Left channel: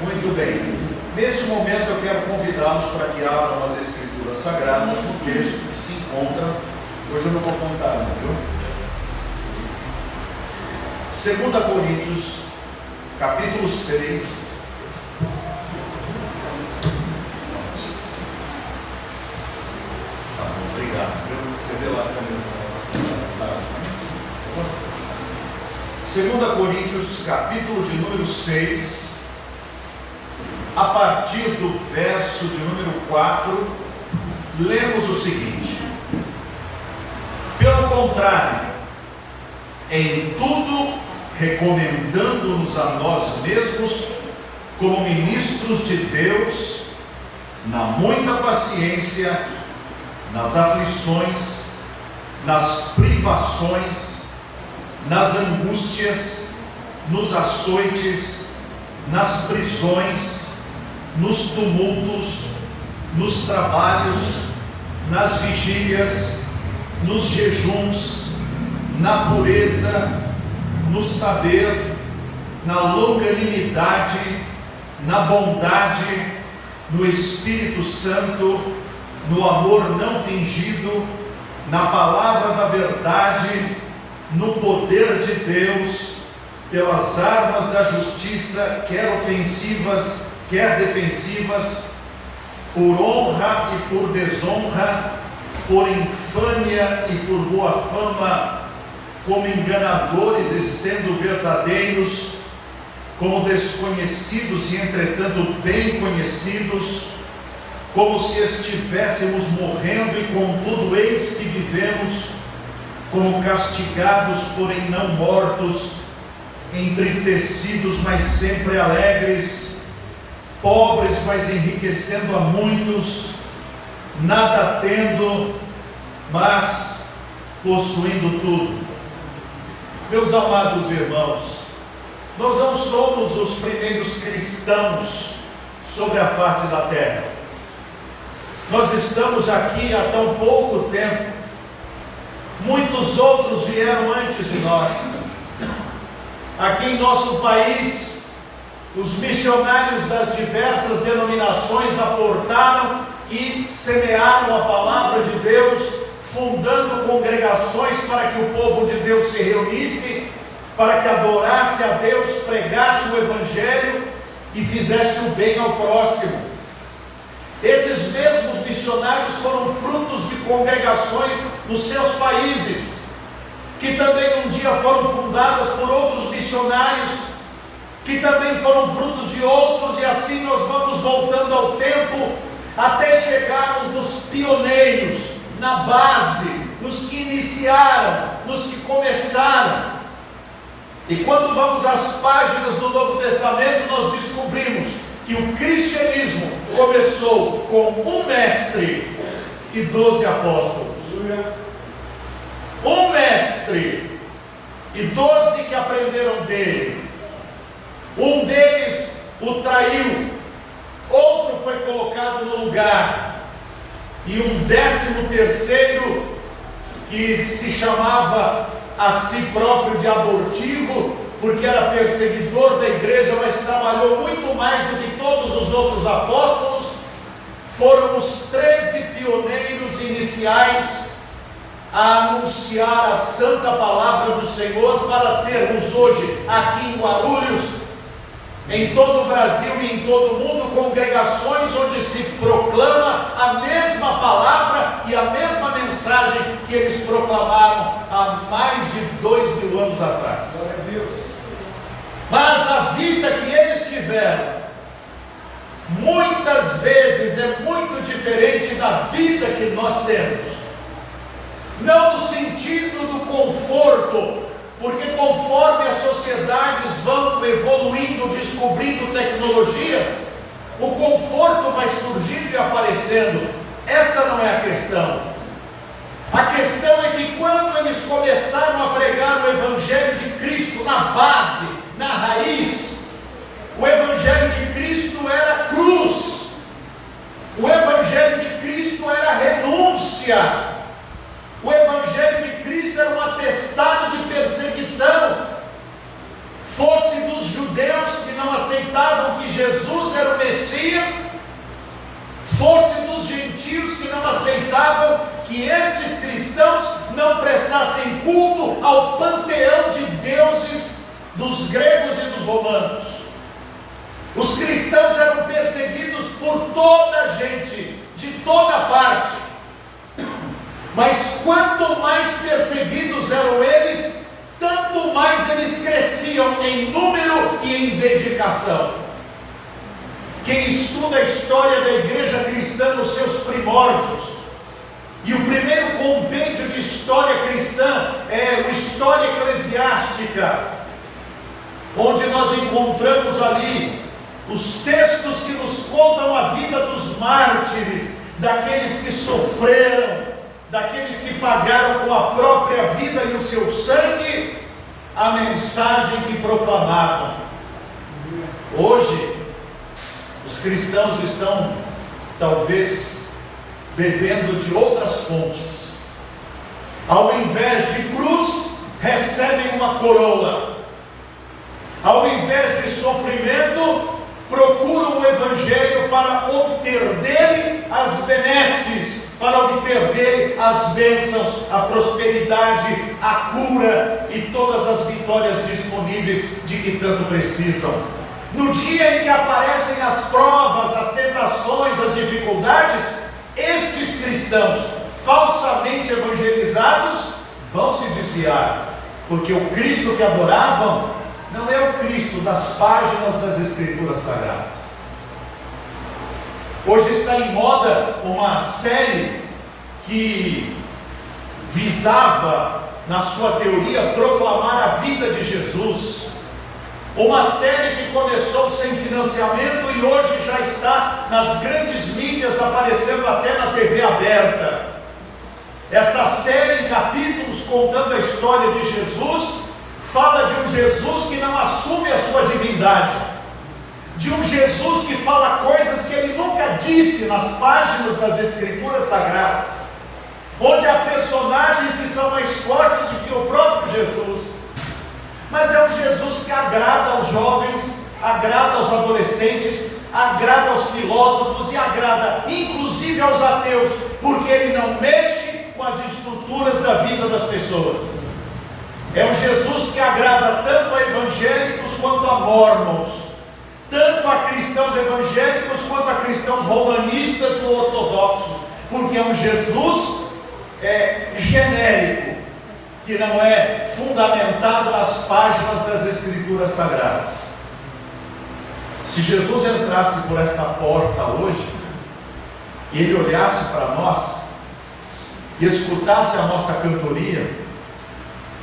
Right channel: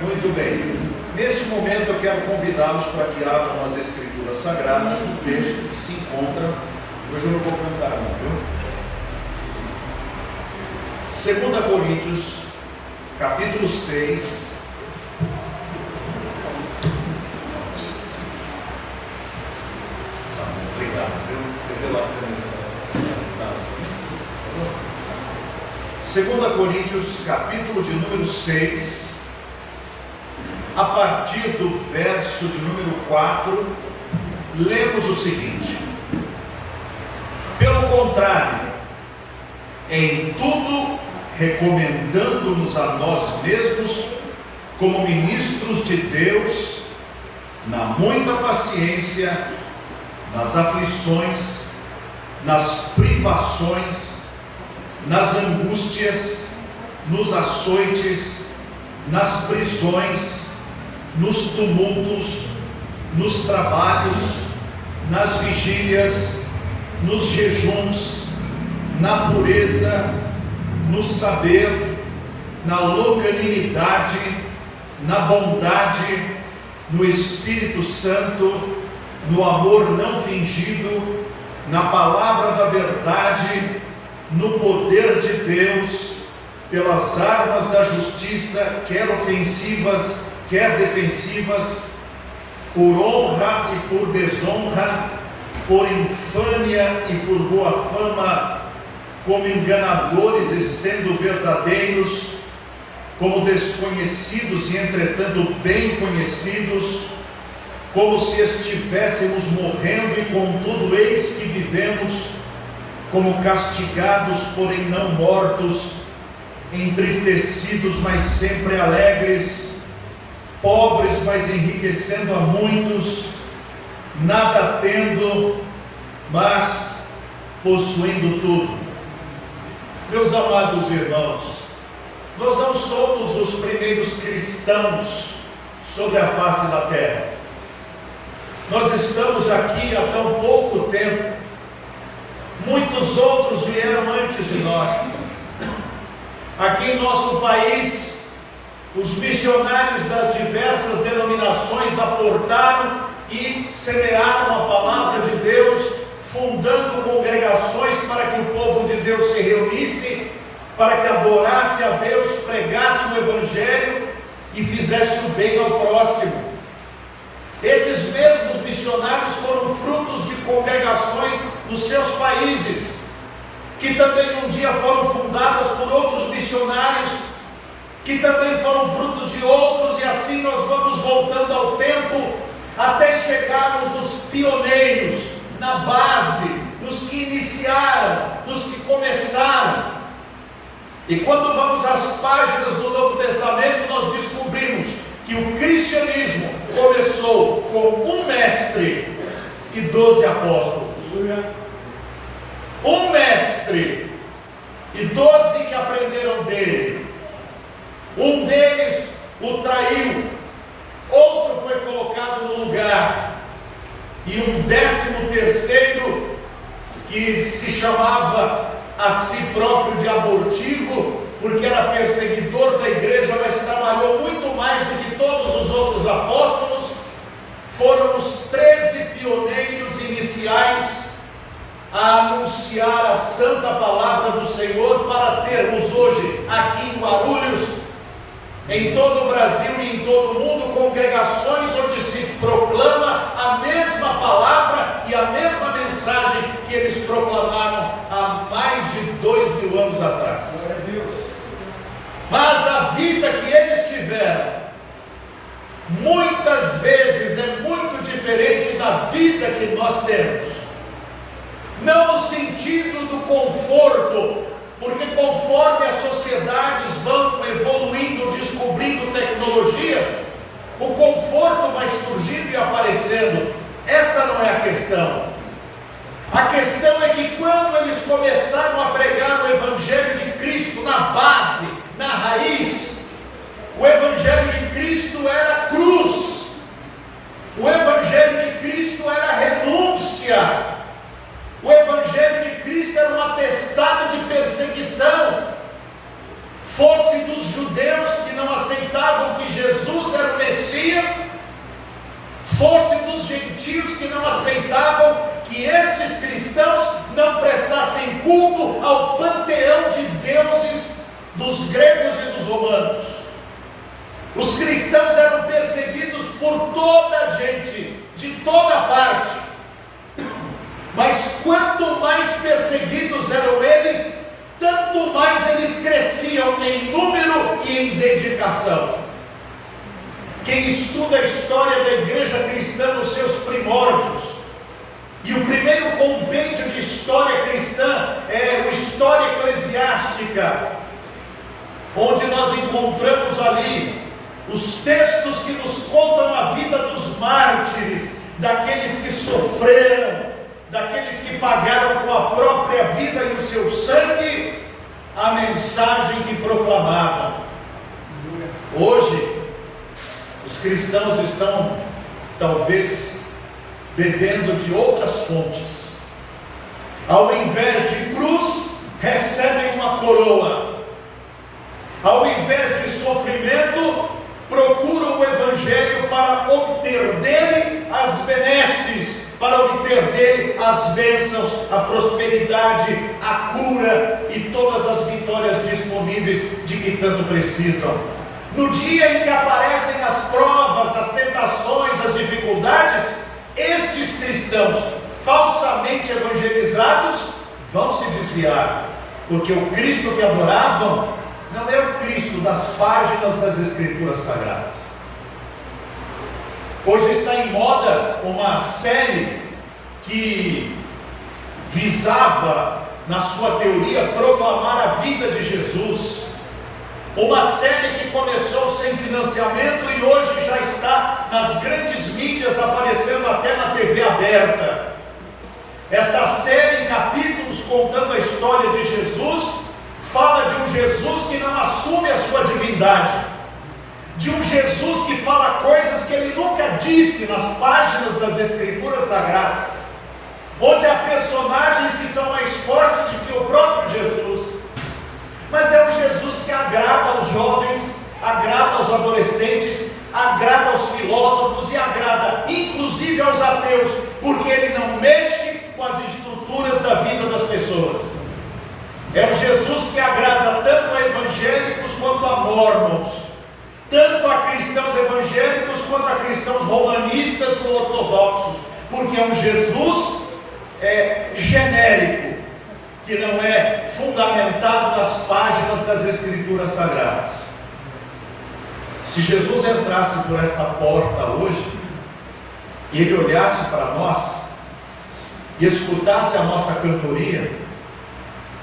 Muito bem. Neste momento eu quero convidá-los para que abram as Escrituras Sagradas no texto que se encontra. Hoje eu não vou cantar, não, viu? 2 Coríntios, capítulo 6. Tá bom, obrigado, viu? Você vê lá primeiro essa 2 Coríntios, capítulo de número 6. A partir do verso de número 4, lemos o seguinte: pelo contrário, em tudo recomendando-nos a nós mesmos como ministros de Deus, na muita paciência, nas aflições, nas privações, nas angústias, nos açoites, nas prisões, nos tumultos, nos trabalhos, nas vigílias, nos jejuns, na pureza, no saber, na longanimidade, na bondade, no Espírito Santo, no amor não fingido, na palavra da verdade, no poder de Deus, pelas armas da justiça, quer ofensivas, quer defensivas, por honra e por desonra, por infâmia e por boa fama, como enganadores e sendo verdadeiros, como desconhecidos e entretanto bem conhecidos, como se estivéssemos morrendo e contudo eis que vivemos, como castigados porém não mortos, entristecidos mas sempre alegres, pobres mas enriquecendo a muitos, nada tendo, mas possuindo tudo. Meus amados irmãos, nós não somos os primeiros cristãos sobre a face da terra. Nós estamos aqui há tão pouco tempo. Muitos outros vieram antes de nós. Aqui em nosso país, os missionários das diversas denominações aportaram e semearam a palavra de Deus, fundando congregações para que o povo de Deus se reunisse, para que adorasse a Deus, pregasse o Evangelho e fizesse o bem ao próximo. Esses mesmos missionários foram frutos de congregações nos seus países, que também um dia foram fundadas por outros missionários, que também foram frutos de outros, e assim nós vamos voltando ao tempo, até chegarmos nos pioneiros, na base, nos que iniciaram, nos que começaram. E quando vamos às páginas do Novo Testamento, nós descobrimos que o cristianismo começou com um mestre e 12 apóstolos. Um mestre e 12 que aprenderam dele. Um deles o traiu, outro foi colocado no lugar, e um 13º que se chamava a si próprio de abortivo, porque era perseguidor da igreja, mas trabalhou muito mais do que todos os outros apóstolos. Foram os 13 pioneiros iniciais a anunciar a santa palavra do Senhor, para termos hoje aqui em Guarulhos, em todo o Brasil e em todo o mundo, congregações onde se proclama a mesma palavra e a mesma mensagem que eles proclamaram há mais de 2000 anos atrás. Mas a vida que eles tiveram, muitas vezes é muito diferente da vida que nós temos. Não no sentido do conforto, porque conforme as sociedades vão evoluindo, descobrindo tecnologias, o conforto vai surgindo e aparecendo. Esta não é a questão. A questão é que quando eles começaram a pregar o Evangelho de Cristo na base, na raiz, o Evangelho de Cristo era cruz, o Evangelho de Cristo era renúncia, o Evangelho de Cristo era um atestado de perseguição, fosse dos judeus que não aceitavam que Jesus dias fosse dos gentios que não aceitavam que estes cristãos não prestassem culto ao panteão de deuses dos gregos e dos romanos. Os cristãos eram perseguidos por toda a gente, de toda parte. Mas quanto mais perseguidos eram eles, tanto mais eles cresciam em número e em dedicação. Quem estuda a história da igreja cristã nos seus primórdios, e o primeiro compêndio de história cristã é o História Eclesiástica, onde nós encontramos ali os textos que nos contam a vida dos mártires, daqueles que sofreram, daqueles que pagaram com a própria vida e o seu sangue a mensagem que proclamavam. Hoje, os cristãos estão, talvez, bebendo de outras fontes. Ao invés de cruz, recebem uma coroa. Ao invés de sofrimento, procuram o Evangelho para obter dele as benesses, para obter dele as bênçãos, a prosperidade, a cura e todas as vitórias disponíveis de que tanto precisam. No dia em que aparecem as provas, as tentações, as dificuldades, estes cristãos falsamente evangelizados vão se desviar, porque o Cristo que adoravam não é o Cristo das páginas das Escrituras Sagradas. Hoje está em moda uma série que visava, na sua teoria, proclamar a vida de Jesus. Uma série que começou sem financiamento e hoje já está nas grandes mídias, aparecendo até na TV aberta. Esta série em capítulos contando a história de Jesus, fala de um Jesus que não assume a sua divindade, de um Jesus que fala coisas que ele nunca disse nas páginas das Escrituras Sagradas, onde há personagens que são mais fortes do que o próprio Jesus. Mas é um Jesus que agrada aos jovens, agrada aos adolescentes, agrada aos filósofos e agrada inclusive aos ateus, porque ele não mexe com as estruturas da vida das pessoas. É um Jesus que agrada tanto a evangélicos quanto a mórmons, tanto a cristãos evangélicos quanto a cristãos romanistas ou ortodoxos, porque é um Jesus genérico, que não é fundamentado nas páginas das Escrituras Sagradas. Se Jesus entrasse por esta porta hoje, e ele olhasse para nós, e escutasse a nossa cantoria,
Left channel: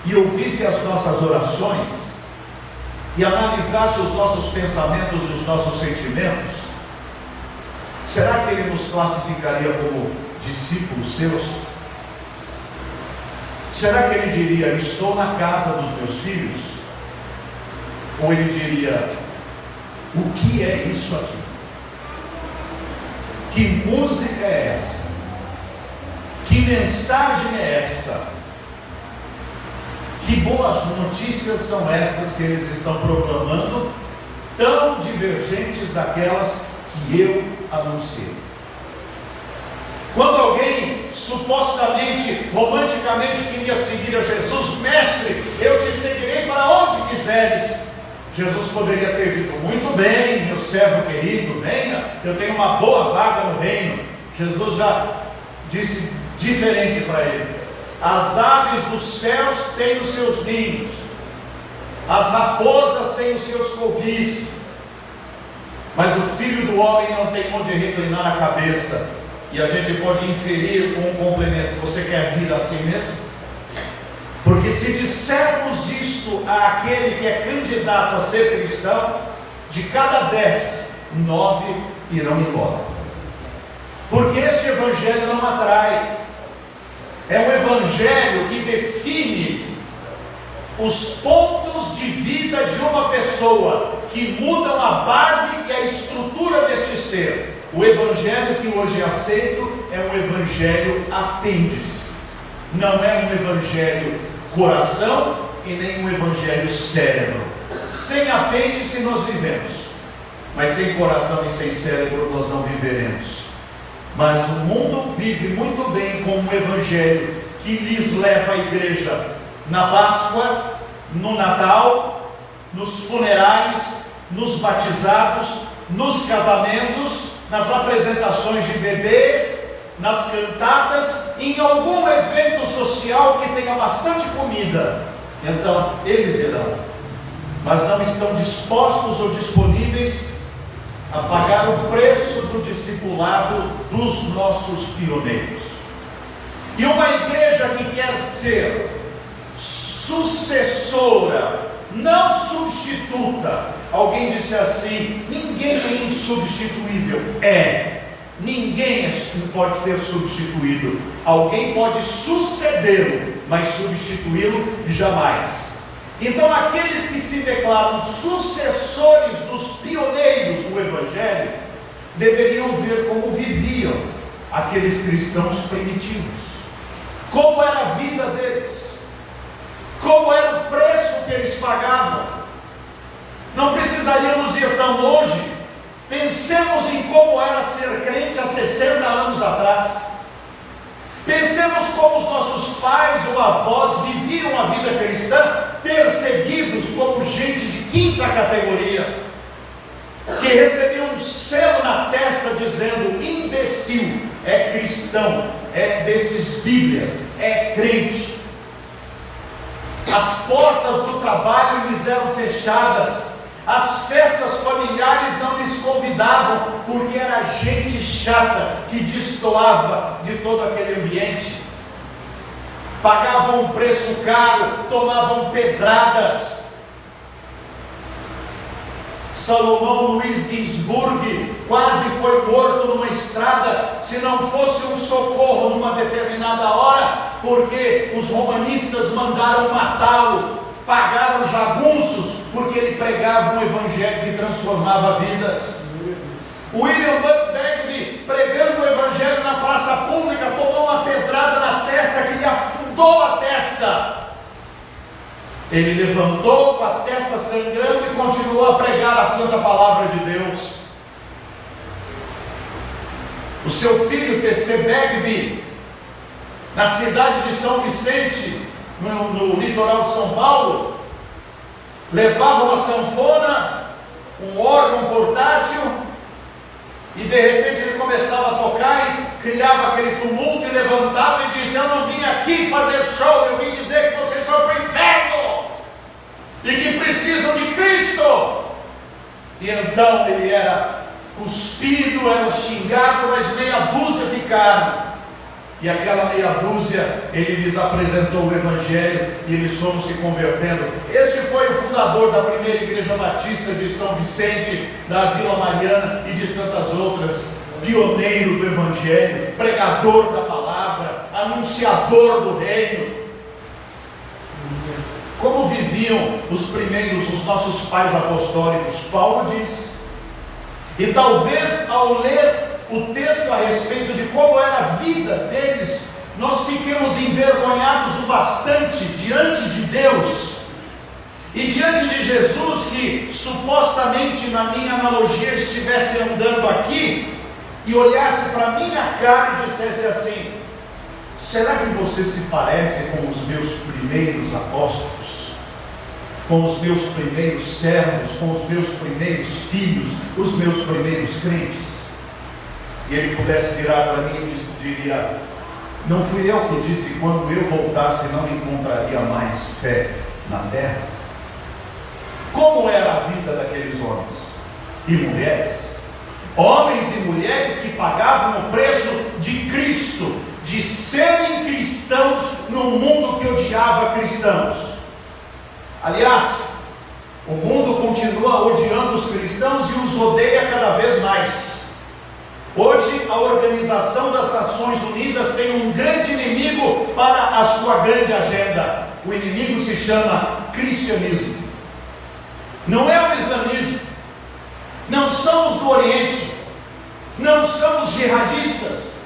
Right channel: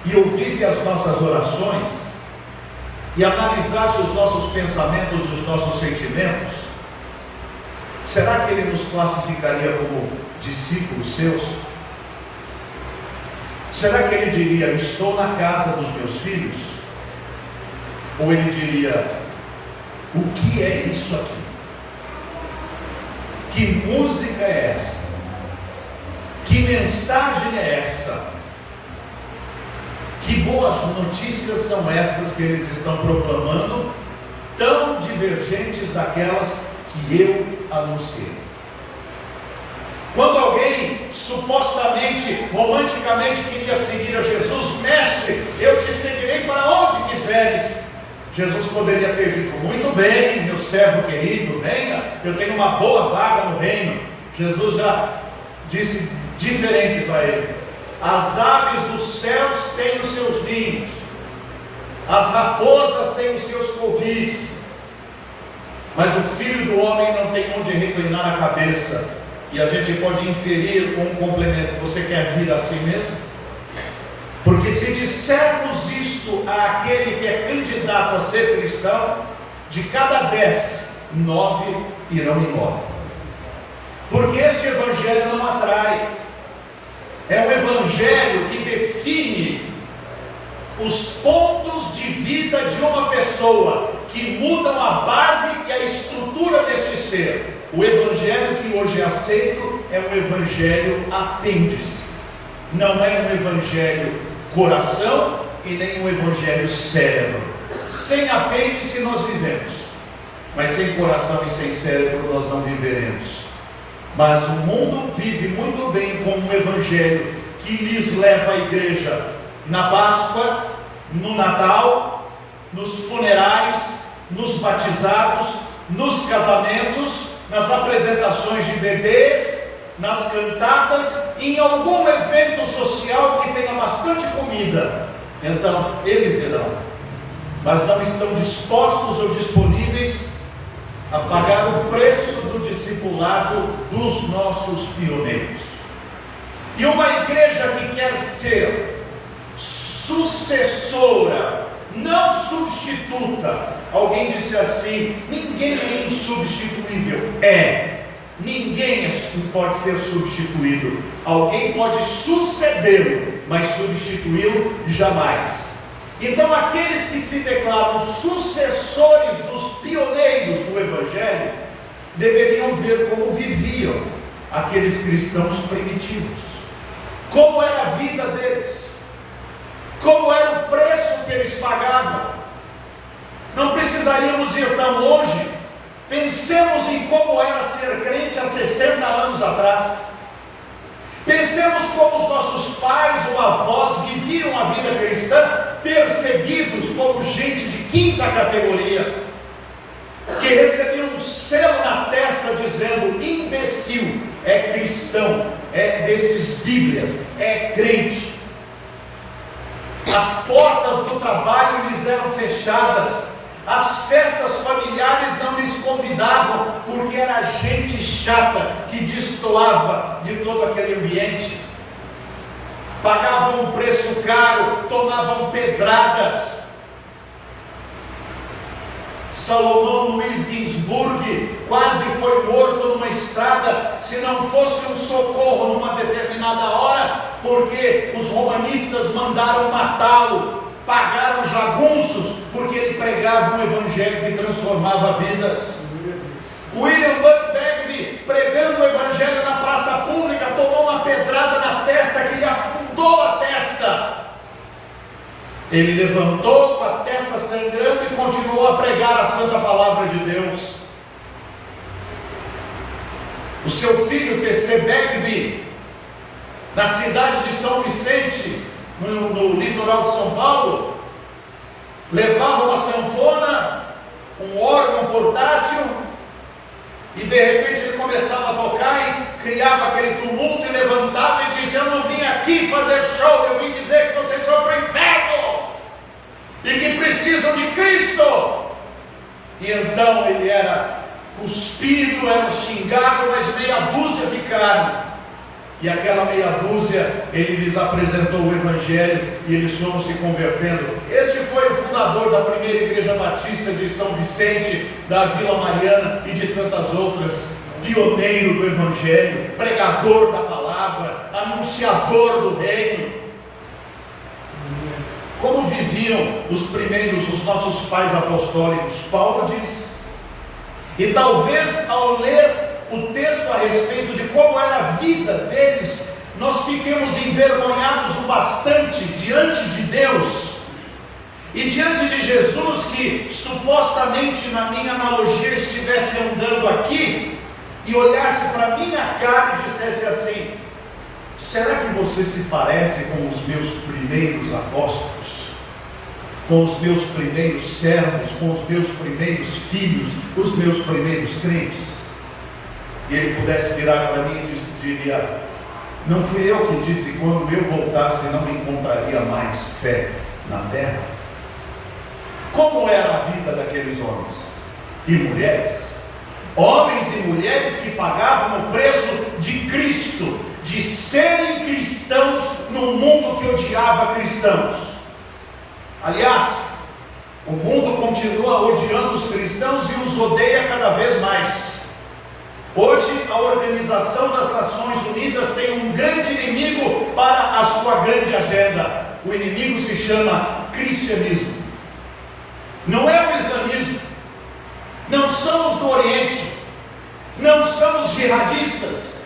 e ouvisse as nossas orações, e analisasse os nossos pensamentos e os nossos sentimentos, será que ele nos classificaria como discípulos seus? Será que ele diria, estou na casa dos meus filhos? Ou ele diria, o que é isso aqui? Que música é essa? Que mensagem é essa? Que boas notícias são estas que eles estão proclamando, tão divergentes daquelas que eu anunciei? Quando alguém supostamente, romanticamente queria seguir a Jesus, mestre, eu te seguirei para onde quiseres, Jesus poderia ter dito, muito bem, meu servo querido, venha, eu tenho uma boa vaga no reino. Jesus já disse diferente para ele, as aves dos céus têm os seus ninhos, as raposas têm os seus covis, mas o filho do homem não tem onde reclinar a cabeça. E a gente pode inferir com um complemento, você quer vir assim mesmo? Porque se dissermos isto àquele que é candidato a ser cristão, de cada 10, 9 irão embora. Porque este evangelho não atrai. É um evangelho que define os pontos de vida de uma pessoa, que mudam a base e a estrutura deste ser. O evangelho que hoje é aceito é um evangelho apêndice, não é um evangelho coração e nem um evangelho cérebro. Sem apêndice nós vivemos, mas sem coração e sem cérebro nós não viveremos. Mas o mundo vive muito bem com um evangelho que lhes leva à igreja na Páscoa, no Natal, nos funerais, nos batizados, nos casamentos, nas apresentações de bebês, nas cantatas, em algum evento social que tenha bastante comida. Então eles irão, mas não estão dispostos ou disponíveis a pagar o preço do discipulado dos nossos pioneiros. E uma igreja que quer ser sucessora, não substituta. Alguém disse assim: ninguém é insubstituível. Ninguém pode ser substituído. Alguém pode sucedê-lo, mas substituí-lo jamais. Então aqueles que se declaram sucessores dos pioneiros do Evangelho deveriam ver como viviam aqueles cristãos primitivos, como era a vida deles, como era o preço que eles pagavam. Não precisaríamos ir tão longe. Pensemos em como era ser crente há 60 anos atrás. Pensemos como os nossos pais ou avós viviam a vida cristã, perseguidos como gente de quinta categoria, que recebiam um selo na testa dizendo: imbecil, é cristão, é desses bíblias, é crente. As portas do trabalho lhes eram fechadas, as festas familiares não lhes convidavam, porque era gente chata que destoava de todo aquele ambiente. Pagavam um preço caro, tomavam pedradas. Salomão Luiz Ginsburg quase foi morto numa estrada, se não fosse um socorro numa determinada hora, porque os romanistas mandaram matá-lo. Pagaram jagunços, porque ele pregava um evangelho que transformava vidas. William Buck Bagby, pregando o evangelho na praça pública, tomou uma pedrada na testa que lhe afundou a testa. Ele levantou com a testa sangrando e continuou a pregar a santa palavra de Deus. O seu filho T.C. Bagby, na cidade de São Vicente, no litoral de São Paulo, levava uma sanfona, um órgão portátil, e de repente ele começava a tocar e criava aquele tumulto, e levantava e dizia: eu não vim aqui fazer show, eu vim dizer que vocês vão para o inferno e que precisam de Cristo. E então ele era cuspido, era xingado, mas meia dúzia ficaram. E aquela meia dúzia, ele lhes apresentou o Evangelho e eles foram se convertendo. Este foi o fundador da primeira igreja batista de São Vicente, da Vila Mariana e de tantas outras. Pioneiro do Evangelho, pregador da palavra, anunciador do reino. Como viviam os primeiros, os nossos pais apostólicos? Paulo diz. E talvez ao ler o texto a respeito de como era a vida deles, nós fiquemos envergonhados o bastante diante de Deus e diante de Jesus, que supostamente, na minha analogia, estivesse andando aqui e olhasse para a minha cara e dissesse assim: será que você se parece com os meus primeiros apóstolos, com os meus primeiros servos, com os meus primeiros filhos, os meus primeiros crentes? E ele pudesse virar para mim e diria: não fui eu que disse quando eu voltasse não encontraria mais fé na terra? Como era a vida daqueles homens e mulheres? Homens e mulheres que pagavam o preço de Cristo, de serem cristãos num mundo que odiava cristãos. Aliás, o mundo continua odiando os cristãos e os odeia cada vez mais. Hoje a Organização das Nações Unidas tem um grande inimigo para a sua grande agenda. O inimigo se chama cristianismo. Não é o islamismo, não são os do Oriente, não são os jihadistas,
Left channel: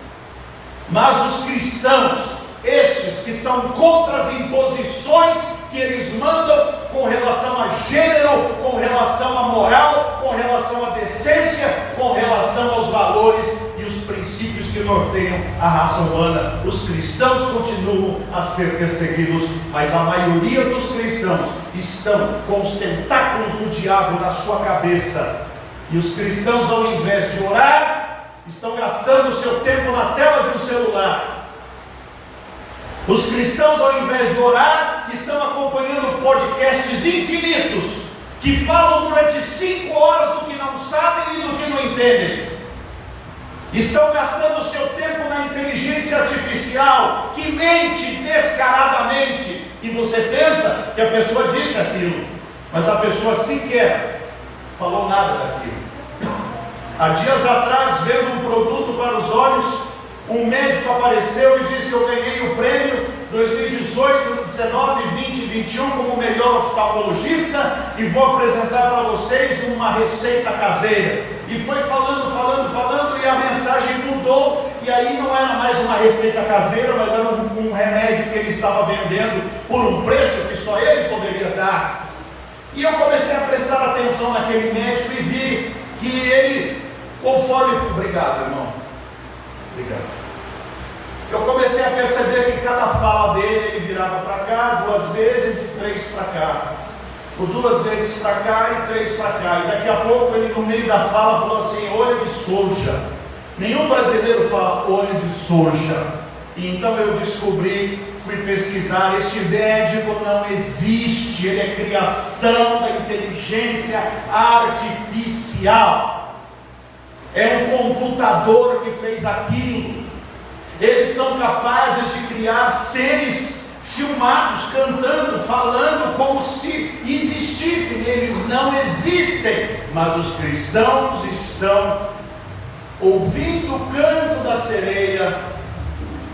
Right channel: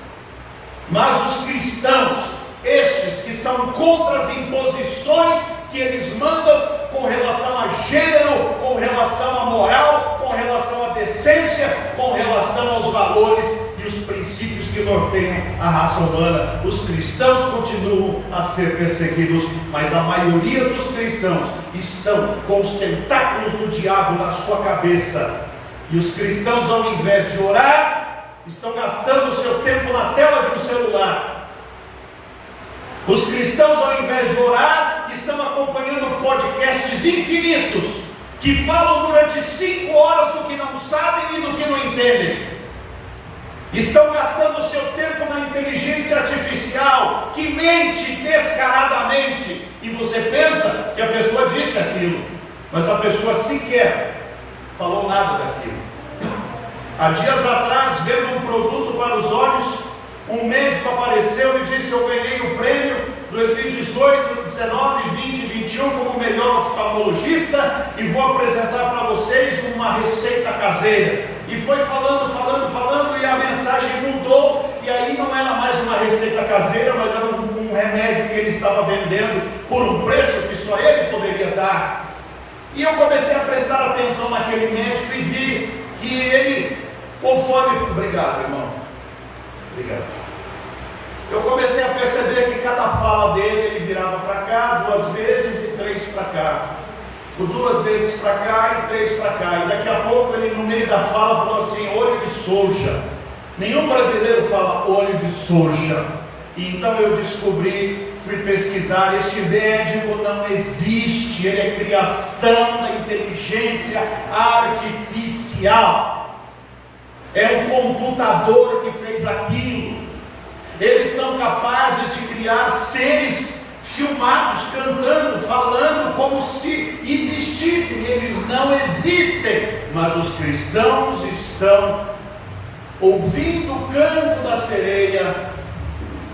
mas os cristãos, estes que são contra as imposições que eles mandam com relação a gênero, com relação à moral, com relação à decência, com relação aos valores e os princípios que norteiam a raça humana. Os cristãos continuam a ser perseguidos, mas a maioria dos cristãos estão com os tentáculos do diabo na sua cabeça. E os cristãos, ao invés de orar, estão gastando o seu tempo na tela de um celular. Os cristãos, ao invés de orar, estão acompanhando podcasts infinitos, que falam durante 5 horas do que não sabem e do que não entendem. Estão gastando o seu tempo na inteligência artificial, que mente descaradamente, e você pensa que a pessoa disse aquilo, mas a pessoa sequer falou nada daquilo. Há dias atrás, vendo um produto para os olhos, um médico apareceu e disse: eu ganhei o prêmio 2018, 19, 20 e 21 como melhor oftalmologista, e vou apresentar para vocês uma receita caseira. E foi falando, e a mensagem mudou, e aí não era mais uma receita caseira, mas era um remédio que ele estava vendendo por um preço que só ele poderia dar. E eu comecei a prestar atenção naquele médico e vi que ele, conforme... Obrigado, irmão. Obrigado. Eu comecei a perceber que cada fala dele, ele virava para cá 2 vezes e 3 para cá, por 2 vezes para cá e 3 para cá, e daqui a pouco ele, no meio da fala, falou assim: olho de soja. Nenhum brasileiro fala olho de soja. E então eu descobri, fui pesquisar, este médico não existe, ele é criação da inteligência artificial, é um computador que fez aquilo. Eles são capazes de criar seres filmados, cantando, falando como se existissem. Eles não existem, mas os cristãos estão ouvindo o canto da sereia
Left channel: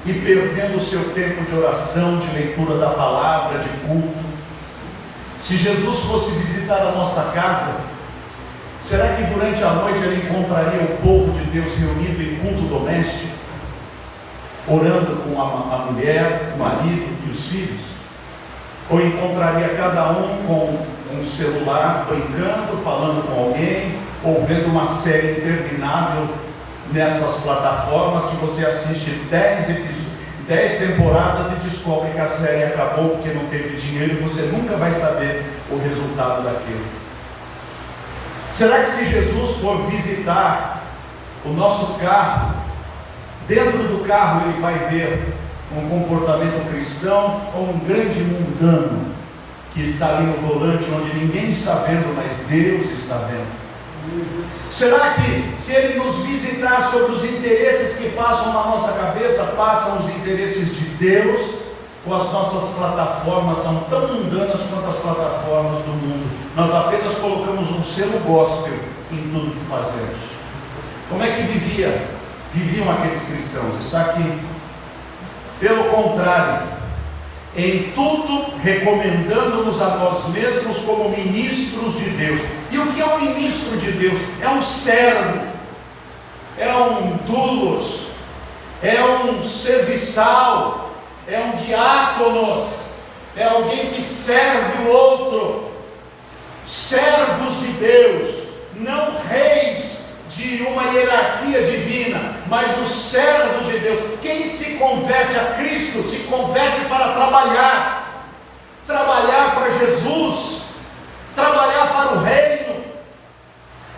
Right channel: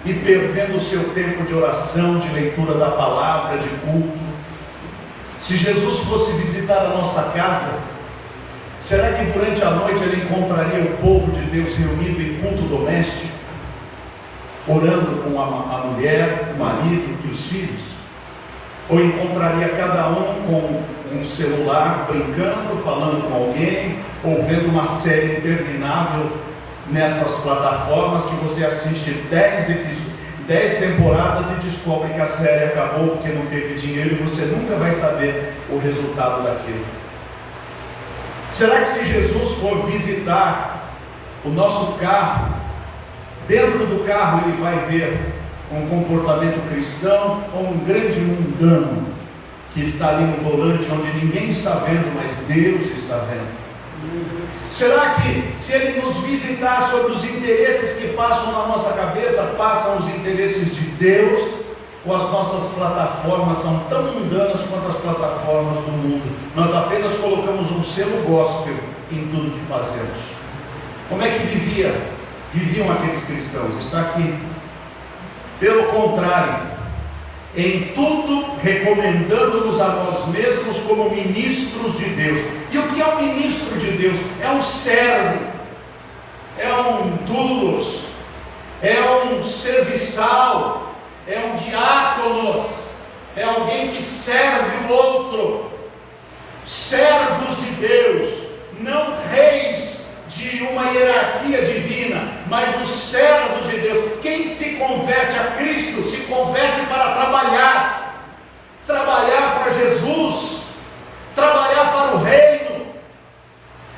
e perdendo o seu tempo de oração, de leitura da palavra, de culto. Se Jesus fosse visitar a nossa casa, será que durante a noite ele encontraria o povo de Deus reunido em culto doméstico, orando com a mulher, o marido e os filhos? Ou encontraria cada um com um celular, brincando, falando com alguém, ou vendo uma série interminável nessas plataformas que você assiste 10 temporadas e descobre que a série acabou porque não teve dinheiro e você nunca vai saber o resultado daquilo? Será que se Jesus for visitar o nosso carro, dentro do carro ele vai ver um comportamento cristão ou um grande mundano que está ali no volante, onde ninguém está vendo, mas Deus está vendo? Será que se ele nos visitar sobre os interesses que passam na nossa cabeça, passam os interesses de Deus, ou as nossas plataformas são tão mundanas quanto as plataformas do mundo? Nós apenas colocamos um selo gospel em tudo que fazemos. Como é que viviam aqueles cristãos? Está aqui. Pelo contrário, em tudo recomendando-nos a nós mesmos como ministros de Deus. E o que é um ministro de Deus? É um servo, é um doulos, é um serviçal, é um diáconos, é alguém que serve o outro. Servos de Deus, não reis de uma hierarquia divina, mas os servos de Deus. Quem se converte a Cristo, se converte para trabalhar para Jesus, trabalhar para o reino.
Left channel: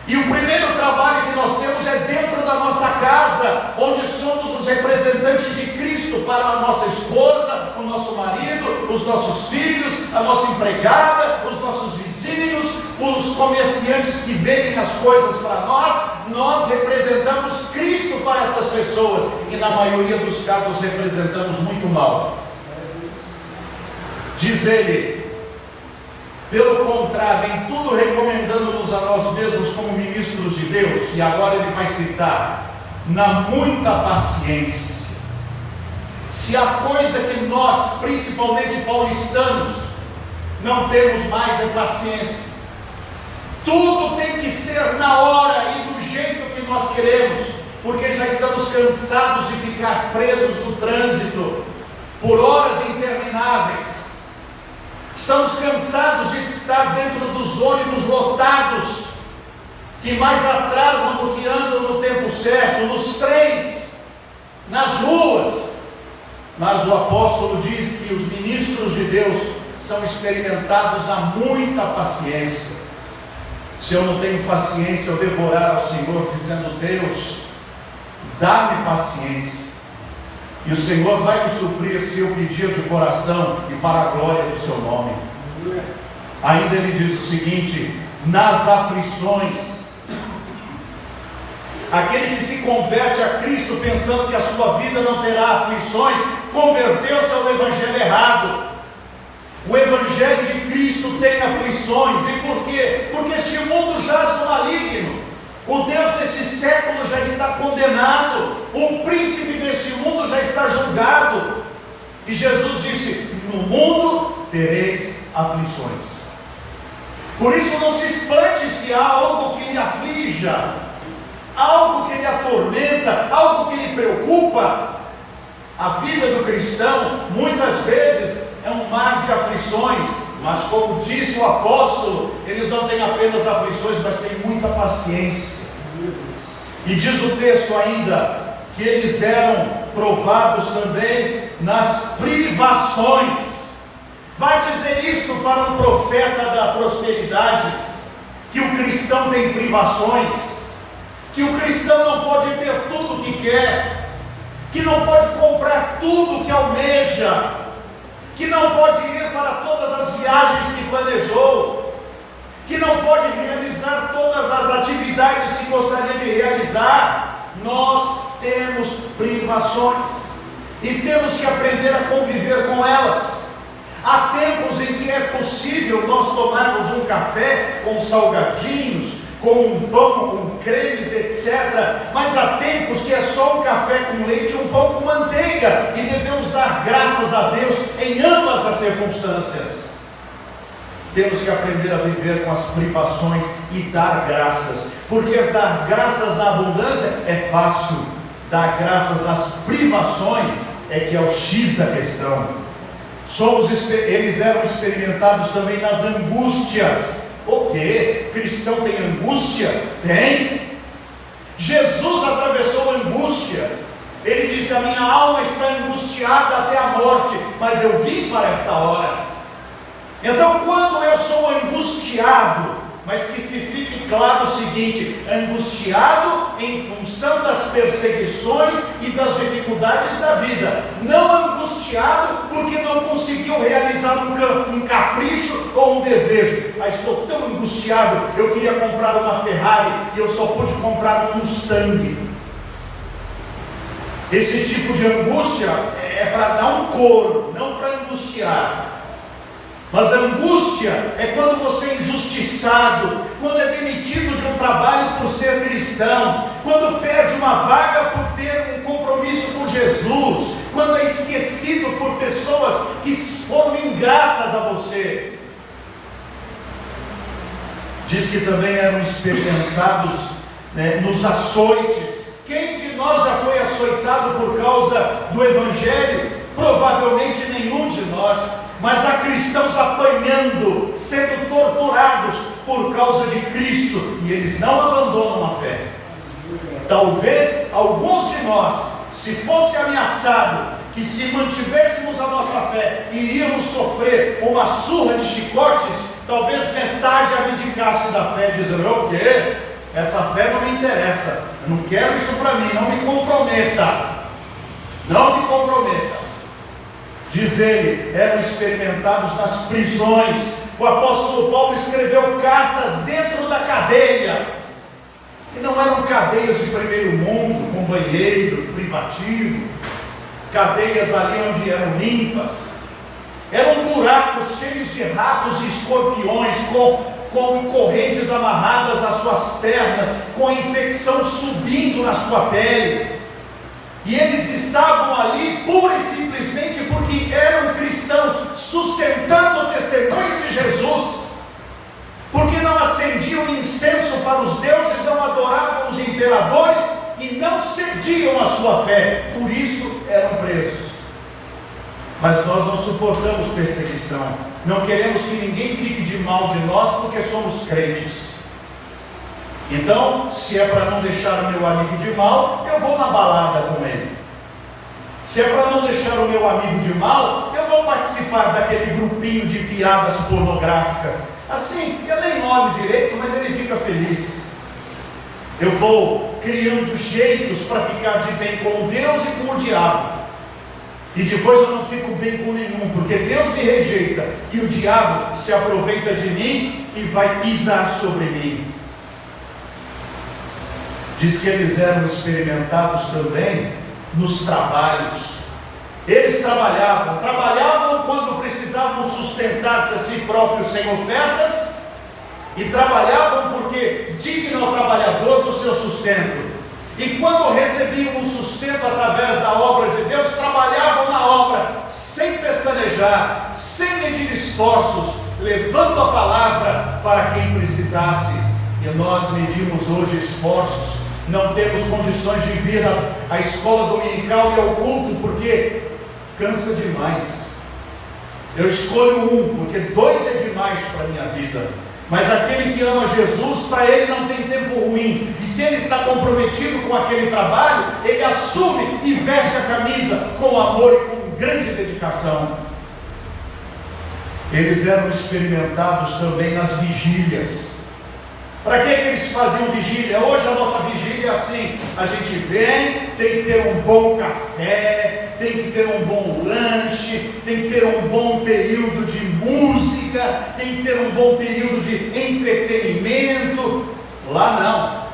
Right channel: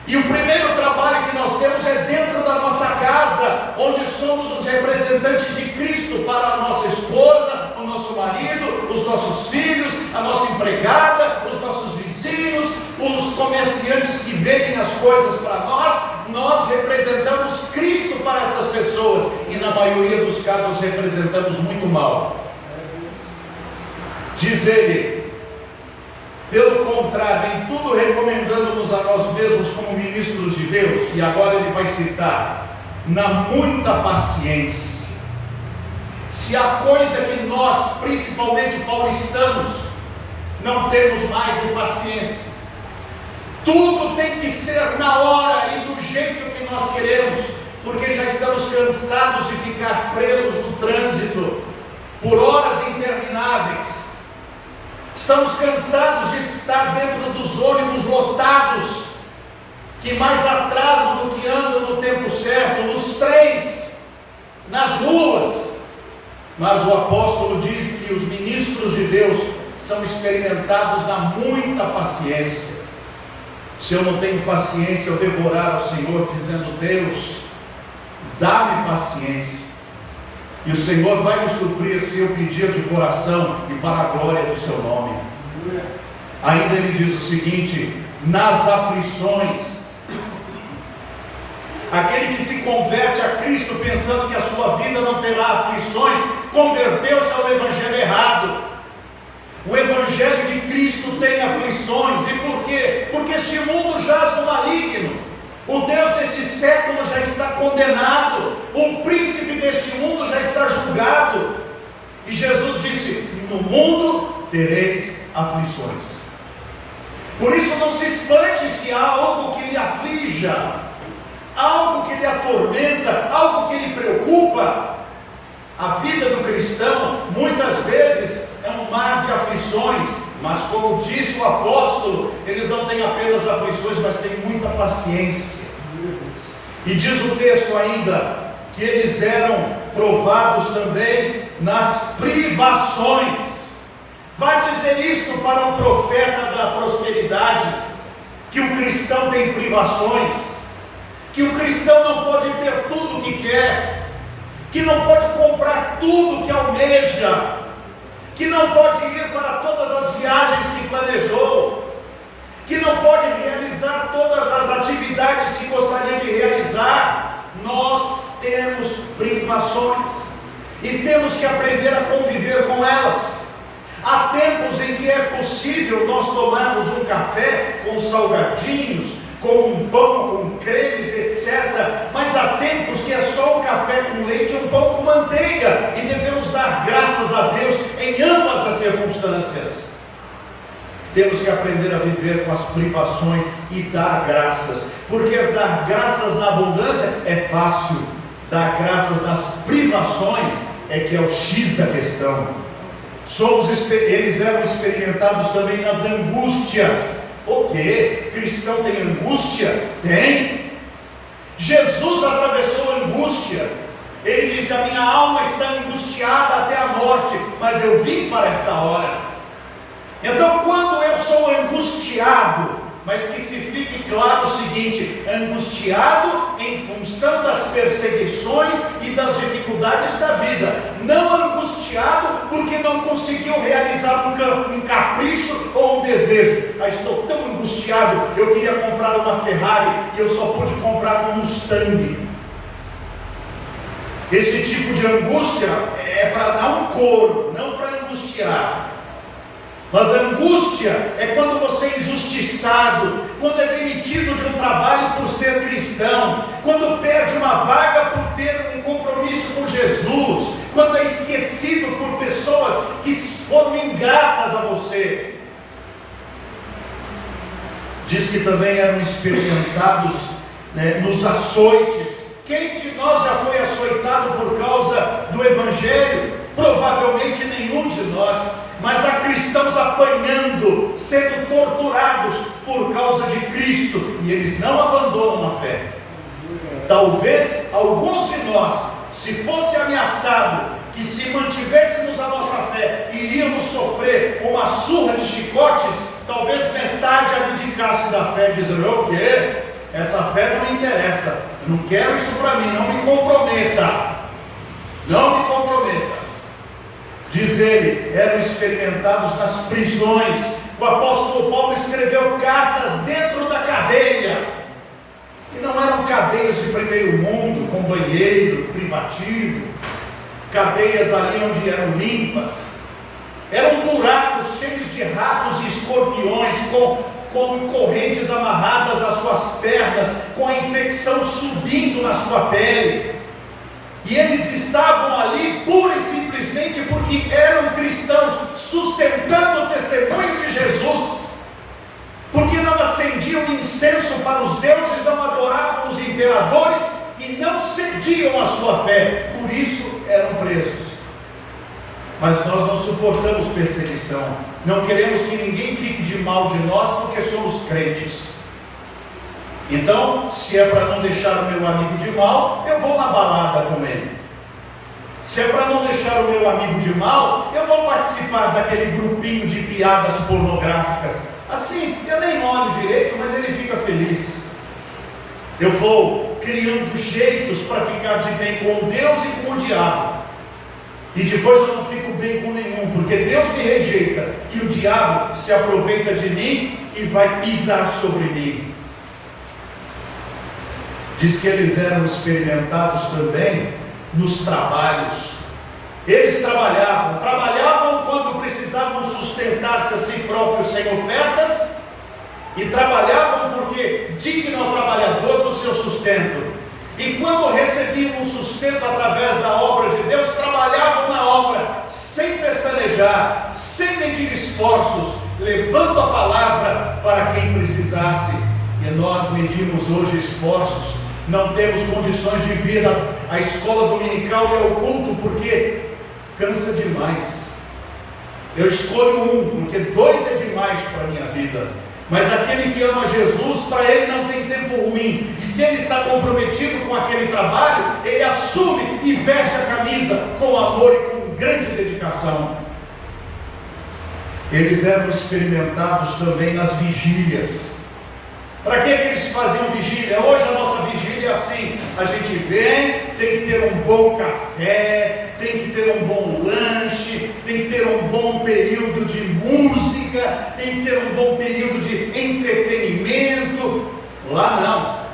E o primeiro trabalho que nós temos é dentro da nossa casa, onde somos os representantes de Cristo para a nossa esposa, o nosso marido, os nossos filhos, a nossa empregada, os nossos vizinhos, os comerciantes que vendem as coisas para nós representamos Cristo para estas pessoas, e na maioria dos casos representamos muito mal. Diz ele: pelo contrário, em tudo recomendando-nos a nós mesmos como ministros de Deus. E agora ele vai citar: na muita paciência. Se há coisa que nós, principalmente paulistanos, não temos mais é paciência. Tudo tem que ser na hora e do jeito que nós queremos, porque já estamos cansados de ficar presos no trânsito por horas intermináveis. Estamos cansados de estar dentro dos ônibus lotados, que mais atrasam do que andam no tempo certo, nos trens, nas ruas. Mas o apóstolo diz que os ministros de Deus são experimentados na muita paciência. Se eu não tenho paciência, eu devo orar ao Senhor dizendo: Deus, dá-me paciência. E o Senhor vai me suprir se eu pedir de coração e para a glória do seu nome. Ainda ele diz o seguinte: nas aflições, aquele que se converte a Cristo pensando que a sua vida não terá aflições, converteu-se ao evangelho errado. O evangelho de Cristo tem aflições. E por quê? Porque este mundo jaz no maligno. O Deus desse século já está condenado. O príncipe deste mundo já está julgado. E Jesus disse: no mundo tereis aflições. Por isso não se espante se há algo que lhe aflija, algo que lhe atormenta, algo que lhe preocupa. A vida do cristão muitas vezes é um mar de aflições, mas como disse o apóstolo, eles não têm apenas aflições, mas têm muita paciência. E diz o texto ainda que eles eram provados também nas privações. Vai dizer isto para um profeta da prosperidade, que o cristão tem privações, que o cristão não pode ter tudo o que quer, que não pode comprar tudo o que almeja, que não pode ir para todas as viagens que planejou, que não pode realizar todas as atividades que gostaria de realizar. Nós temos privações e temos que aprender a conviver com elas. Há tempos em que é possível nós tomarmos um café com salgadinhos, com um pão, com cremes, etc. Mas há tempos que é só um café com leite e um pão com manteiga, e devemos dar graças a Deus em ambas as circunstâncias. Temos que aprender a viver com as privações e dar graças, porque dar graças na abundância é fácil, dar graças nas privações é que é o X da questão. Eles eram experimentados também nas angústias. O que? Cristão tem angústia? Tem. Jesus atravessou a angústia. Ele disse: a minha alma está angustiada até a morte, mas eu vim para esta hora. Então, quando eu sou angustiado, mas que se fique claro o seguinte: angustiado em função das perseguições e das dificuldades da vida, não angustiado porque não conseguiu realizar um capricho ou um desejo. Estou tão angustiado, eu queria comprar uma Ferrari e eu só pude comprar um Mustang. Esse tipo de angústia é para dar um couro, não para angustiar. Mas a angústia é quando você é injustiçado, quando é demitido de um trabalho por ser cristão, quando perde uma vaga por ter um compromisso com Jesus, quando é esquecido por pessoas que foram ingratas a você. Diz que também eram experimentados nos açoites. Quem de nós já foi açoitado por causa do Evangelho? Provavelmente nenhum de nós. Mas há cristãos apanhando, sendo torturados por causa de Cristo, e eles não abandonam a fé. Talvez alguns de nós, se fosse ameaçado que se mantivéssemos a nossa fé, iríamos sofrer uma surra de chicotes, talvez metade abdicasse da fé, dizendo: o quê? Essa fé não me interessa, eu não quero isso para mim, não me comprometa. Não me comprometa. Diz ele, eram experimentados nas prisões. O apóstolo Paulo escreveu cartas dentro da cadeia, e não eram cadeias de primeiro mundo, com banheiro privativo, cadeias ali onde eram limpas, eram buracos cheios de ratos e escorpiões, com correntes amarradas nas suas pernas, com a infecção subindo na sua pele. E eles estavam ali pura e simplesmente porque eram cristãos, sustentando o testemunho de Jesus, porque não acendiam incenso para os deuses, não adoravam os imperadores e não cediam a sua fé, por isso eram presos. Mas nós não suportamos perseguição. Não queremos que ninguém fique de mal de nós porque somos crentes. Então, se é para não deixar o meu amigo de mal, eu vou na balada com ele. Se é para não deixar o meu amigo de mal, eu vou participar daquele grupinho de piadas pornográficas. Assim, eu nem olho direito, mas ele fica feliz. Eu vou criando jeitos para ficar de bem com Deus e com o diabo. E depois eu não fico bem com nenhum, porque Deus me rejeita e o diabo se aproveita de mim e vai pisar sobre mim. Diz que eles eram experimentados também nos trabalhos. Eles trabalhavam quando precisavam sustentar-se a si próprios sem ofertas, e trabalhavam porque digno ao trabalhador do seu sustento. E quando recebiam um sustento através da obra de Deus, trabalhavam na obra sem pestanejar, sem medir esforços, levando a palavra para quem precisasse. E nós medimos hoje esforços, não temos condições de vir à escola dominical e ao culto, porque cansa demais. Eu escolho um, porque 2 é demais para a minha vida. Mas aquele que ama Jesus, para ele não tem tempo ruim. E se ele está comprometido com aquele trabalho, ele assume e veste a camisa com amor e com grande dedicação. Eles eram experimentados também nas vigílias. Para que eles faziam vigília? Hoje a nossa vigília é assim: a gente vem, tem que ter um bom café, tem que ter um bom lanche, tem que ter um bom período de música, tem que ter um bom período de entretenimento. Lá não.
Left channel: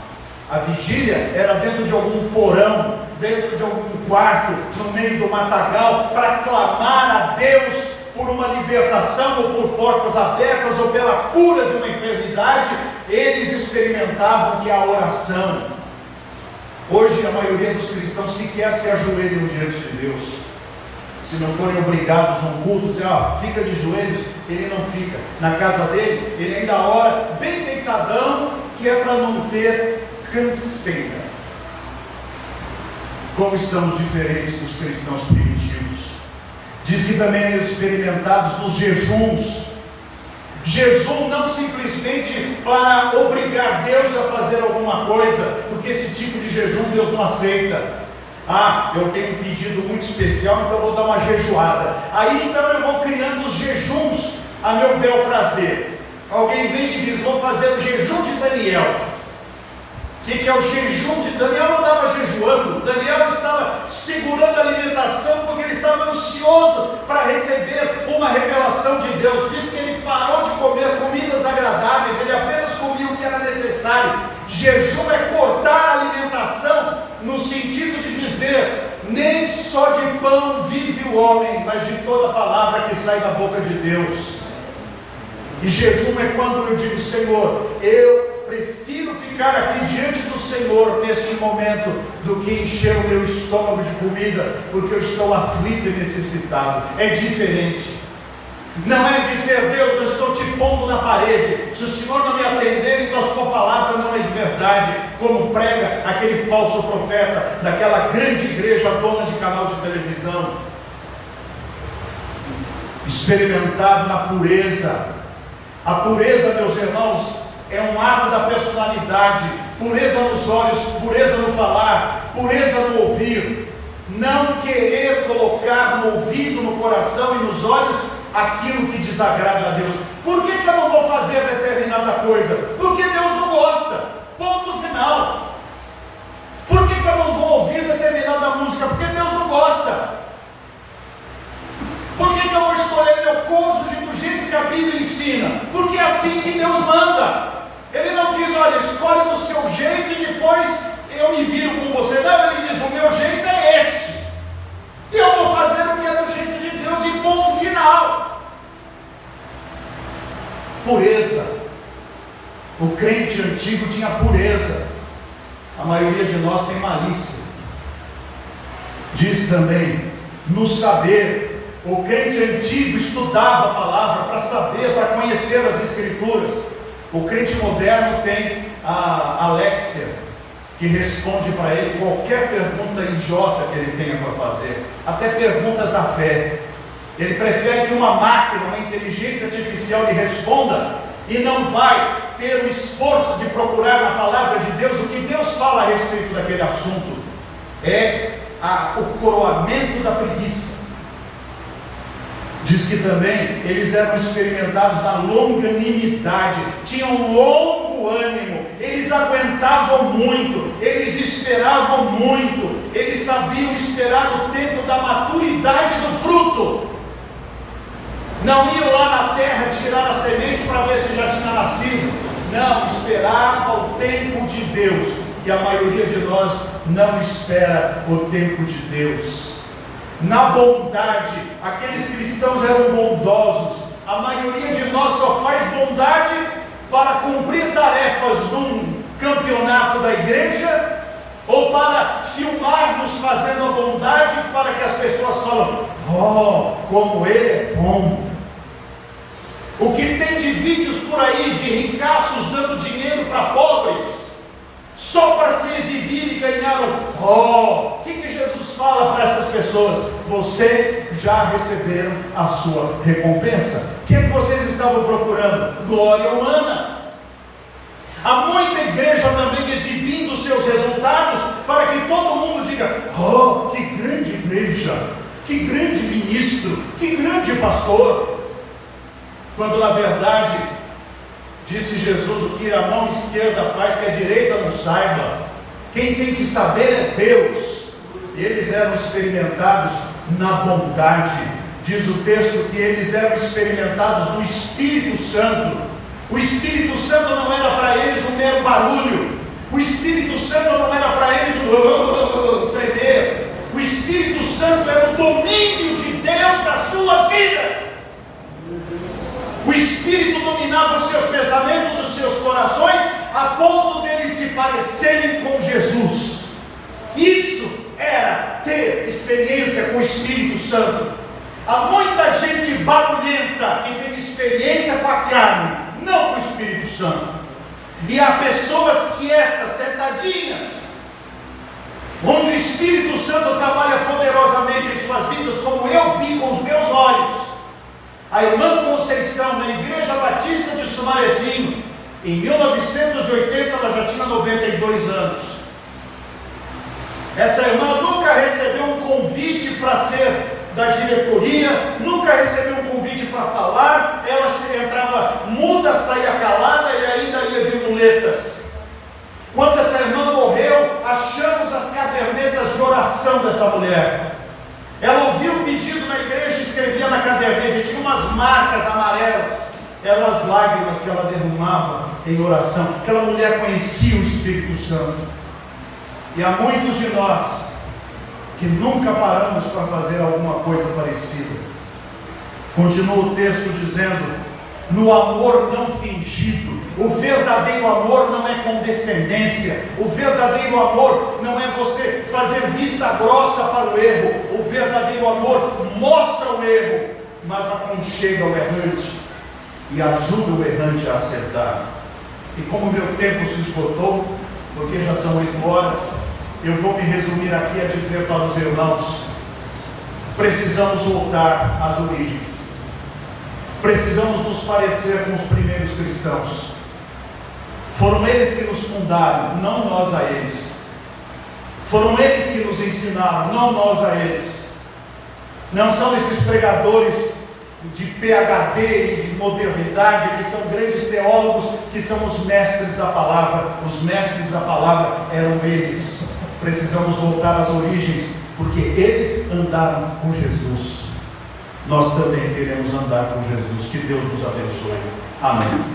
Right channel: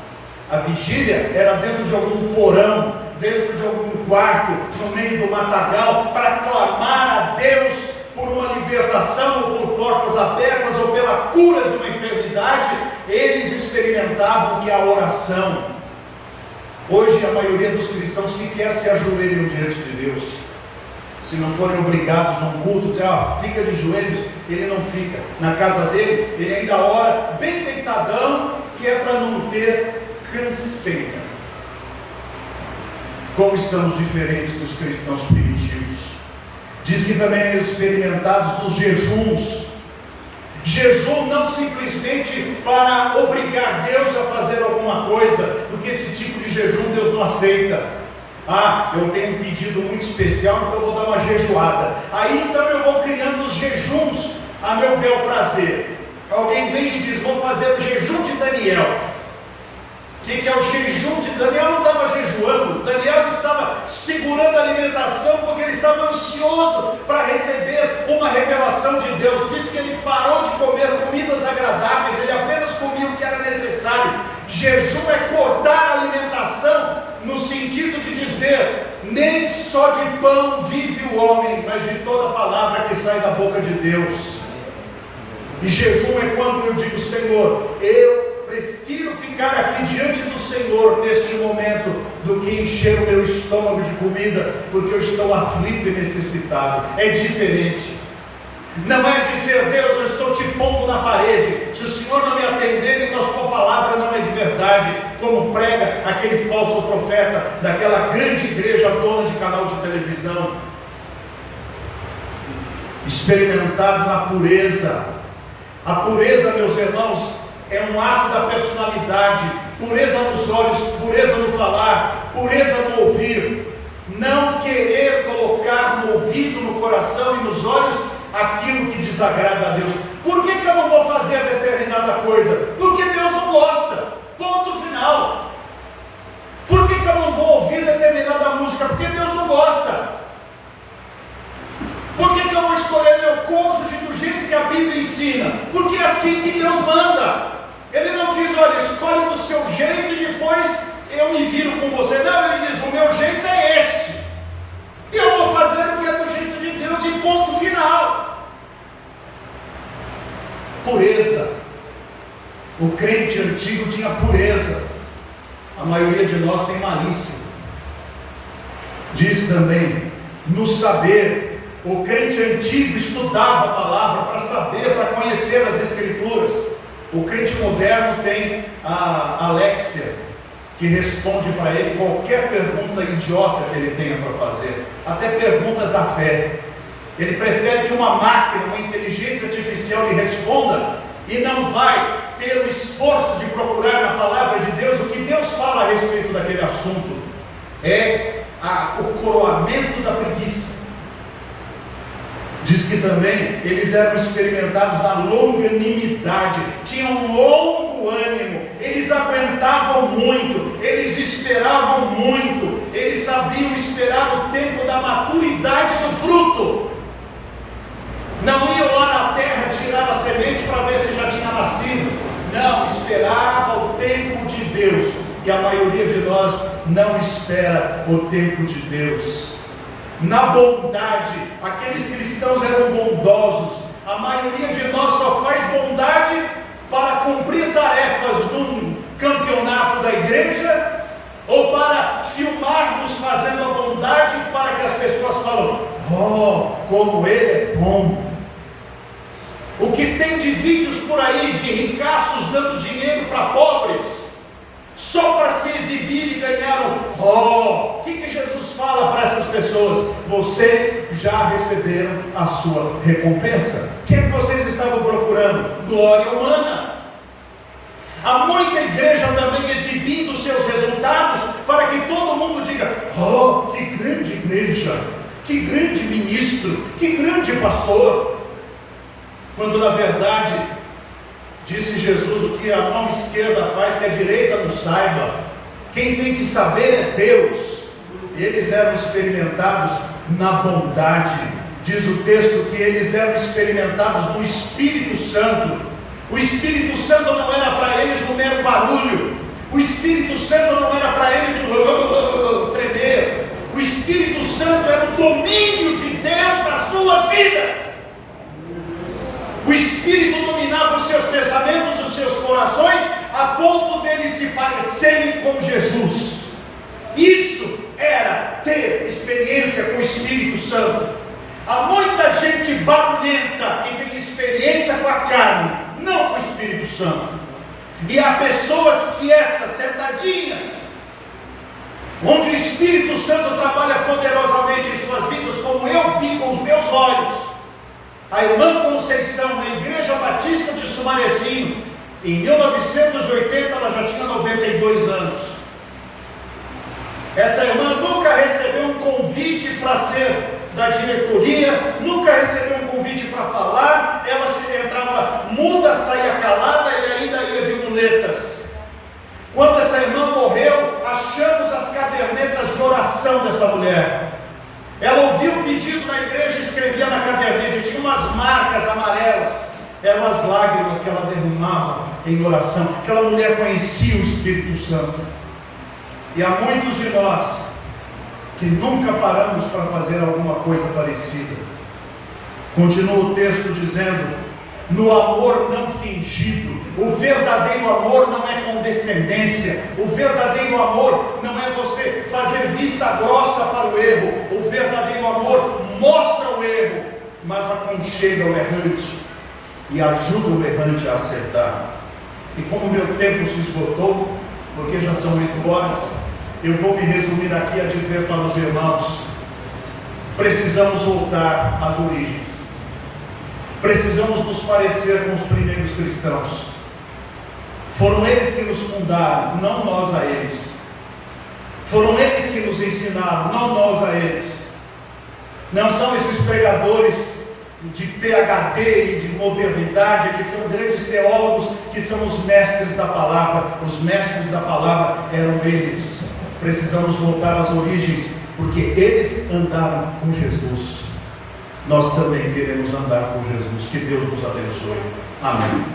A vigília era dentro de algum porão, dentro de algum quarto, no meio do matagal, para clamar a Deus por uma libertação, ou por portas abertas, ou pela cura de uma enfermidade. Eles experimentavam que a oração. Hoje a maioria dos cristãos sequer se ajoelham diante de Deus. Se não forem obrigados a um culto, dizer, fica de joelhos, ele não fica. Na casa dele, ele ainda ora bem deitadão, que é para não ter canseira. Como estamos diferentes dos cristãos primitivos. Diz que também eram experimentados nos jejuns. Jejum não simplesmente para obrigar Deus a fazer alguma coisa, porque esse tipo de jejum Deus não aceita. Eu tenho um pedido muito especial, então eu vou dar uma jejuada. Aí então eu vou criando os jejuns a meu bel prazer. Alguém vem e diz, vou fazer o jejum de Daniel. O que é o jejum de Daniel? Não estava jejuando, Daniel estava segurando a alimentação, porque ele estava ansioso para receber uma revelação de Deus. Diz que ele parou de comer comidas agradáveis, ele apenas comia o que era necessário. Jejum é cortar a alimentação, no sentido de dizer, nem só de pão vive o homem, mas de toda palavra que sai da boca de Deus. E jejum é quando eu digo, Senhor, eu prefiro ficar aqui diante do Senhor neste momento do que encher o meu estômago de comida, porque eu estou aflito e necessitado. É diferente. Não é dizer, Deus, eu estou te pondo na parede, se o Senhor não me atender, então a sua palavra não é de verdade, como prega aquele falso profeta daquela grande igreja dona de canal de televisão. Experimentado na pureza. A pureza, meus irmãos, é um ato da personalidade. Pureza nos olhos, pureza no falar, pureza no ouvir. Não querer colocar no ouvido, no coração e nos olhos aquilo que desagrada a Deus. Por que eu não vou fazer determinada coisa? Porque Deus não gosta. Ponto final. Por que eu não vou ouvir determinada música? Porque Deus não gosta. Por que eu vou escolher meu cônjuge do jeito que a Bíblia ensina? Porque é assim que Deus manda. Ele não diz, olha, escolhe do seu jeito e depois eu me viro com você. Não, ele diz, o meu jeito é este. E eu vou fazer o que é do jeito de Deus, e ponto final. Pureza. O crente antigo tinha pureza. A maioria de nós tem malícia. Diz também, no saber. O crente antigo estudava a palavra para saber, para conhecer as Escrituras. O crente moderno tem a Alexia, que responde para ele qualquer pergunta idiota que ele tenha para fazer, até perguntas da fé. Ele prefere que uma máquina, uma inteligência artificial lhe responda, e não vai ter o esforço de procurar na palavra de Deus o que Deus fala a respeito daquele assunto. É o coroamento da preguiça. Diz que também eles eram experimentados na longanimidade, tinham um longo ânimo, eles aguentavam muito, eles esperavam muito, eles sabiam esperar o tempo da maturidade do fruto. Não iam lá na terra tirar a semente para ver se já tinha nascido. Não, esperava o tempo de Deus. E a maioria de nós não espera o tempo de Deus. Na bondade, aqueles cristãos eram bondosos. A maioria de nós só faz bondade para cumprir tarefas num campeonato da igreja, ou para filmarmos fazendo a bondade, para que as pessoas falem: oh, como ele é bom. O que tem de vídeos por aí de ricaços dando dinheiro para pobres, só para se exibir e ganhar o que Jesus fala para essas pessoas? Vocês já receberam a sua recompensa. O que é que vocês estavam procurando? Glória humana. Há muita igreja também exibindo seus resultados para que todo mundo diga: oh, que grande igreja, que grande ministro, que grande pastor. Quando na verdade, disse Jesus, o que a mão esquerda faz que a direita não saiba. Quem tem que saber é Deus. Eles eram experimentados na bondade. Diz o texto que eles eram experimentados no Espírito Santo. O Espírito Santo não era para eles um mero barulho. O Espírito Santo não era para eles um tremer. O Espírito Santo era o domínio de Deus nas suas vidas. O Espírito dominava os seus pensamentos, os seus corações, a ponto deles se parecerem com Jesus. Isso era ter experiência com o Espírito Santo. Há muita gente barulhenta que tem experiência com a carne, não com o Espírito Santo. E há pessoas quietas, sentadinhas, onde o Espírito Santo trabalha poderosamente em suas vidas, como eu vi com os meus olhos. A irmã Conceição, na Igreja Batista de Sumarezinho, em 1980, ela já tinha 92 anos. Essa irmã nunca recebeu um convite para ser da diretoria, nunca recebeu um convite para falar. Ela entrava muda, saía calada e ainda ia de muletas. Quando essa irmã morreu, achamos as cadernetas de oração dessa mulher. Ela ouviu o pedido na igreja e escrevia na caderneta, tinha umas marcas amarelas, eram as lágrimas que ela derramava em oração. Aquela mulher conhecia o Espírito Santo. E há muitos de nós que nunca paramos para fazer alguma coisa parecida. Continua o texto dizendo: no amor não fingido. O verdadeiro amor não é condescendência. O verdadeiro amor não é você fazer vista grossa para o erro. O verdadeiro amor mostra o erro, mas aconchega o errante e ajuda o errante a acertar. E como meu tempo se esgotou, porque já são 8 horas, eu vou me resumir aqui a dizer para os irmãos: precisamos voltar às origens. Precisamos nos parecer com os primeiros cristãos. Foram eles que nos fundaram, não nós a eles. Foram eles que nos ensinaram, não nós a eles. Não são esses pregadores de PhD e de modernidade que são grandes teólogos, que são os mestres da palavra. Os mestres da palavra eram eles. Precisamos voltar às origens, porque eles andaram com Jesus. Nós também queremos andar com Jesus. Que Deus nos abençoe. Amém.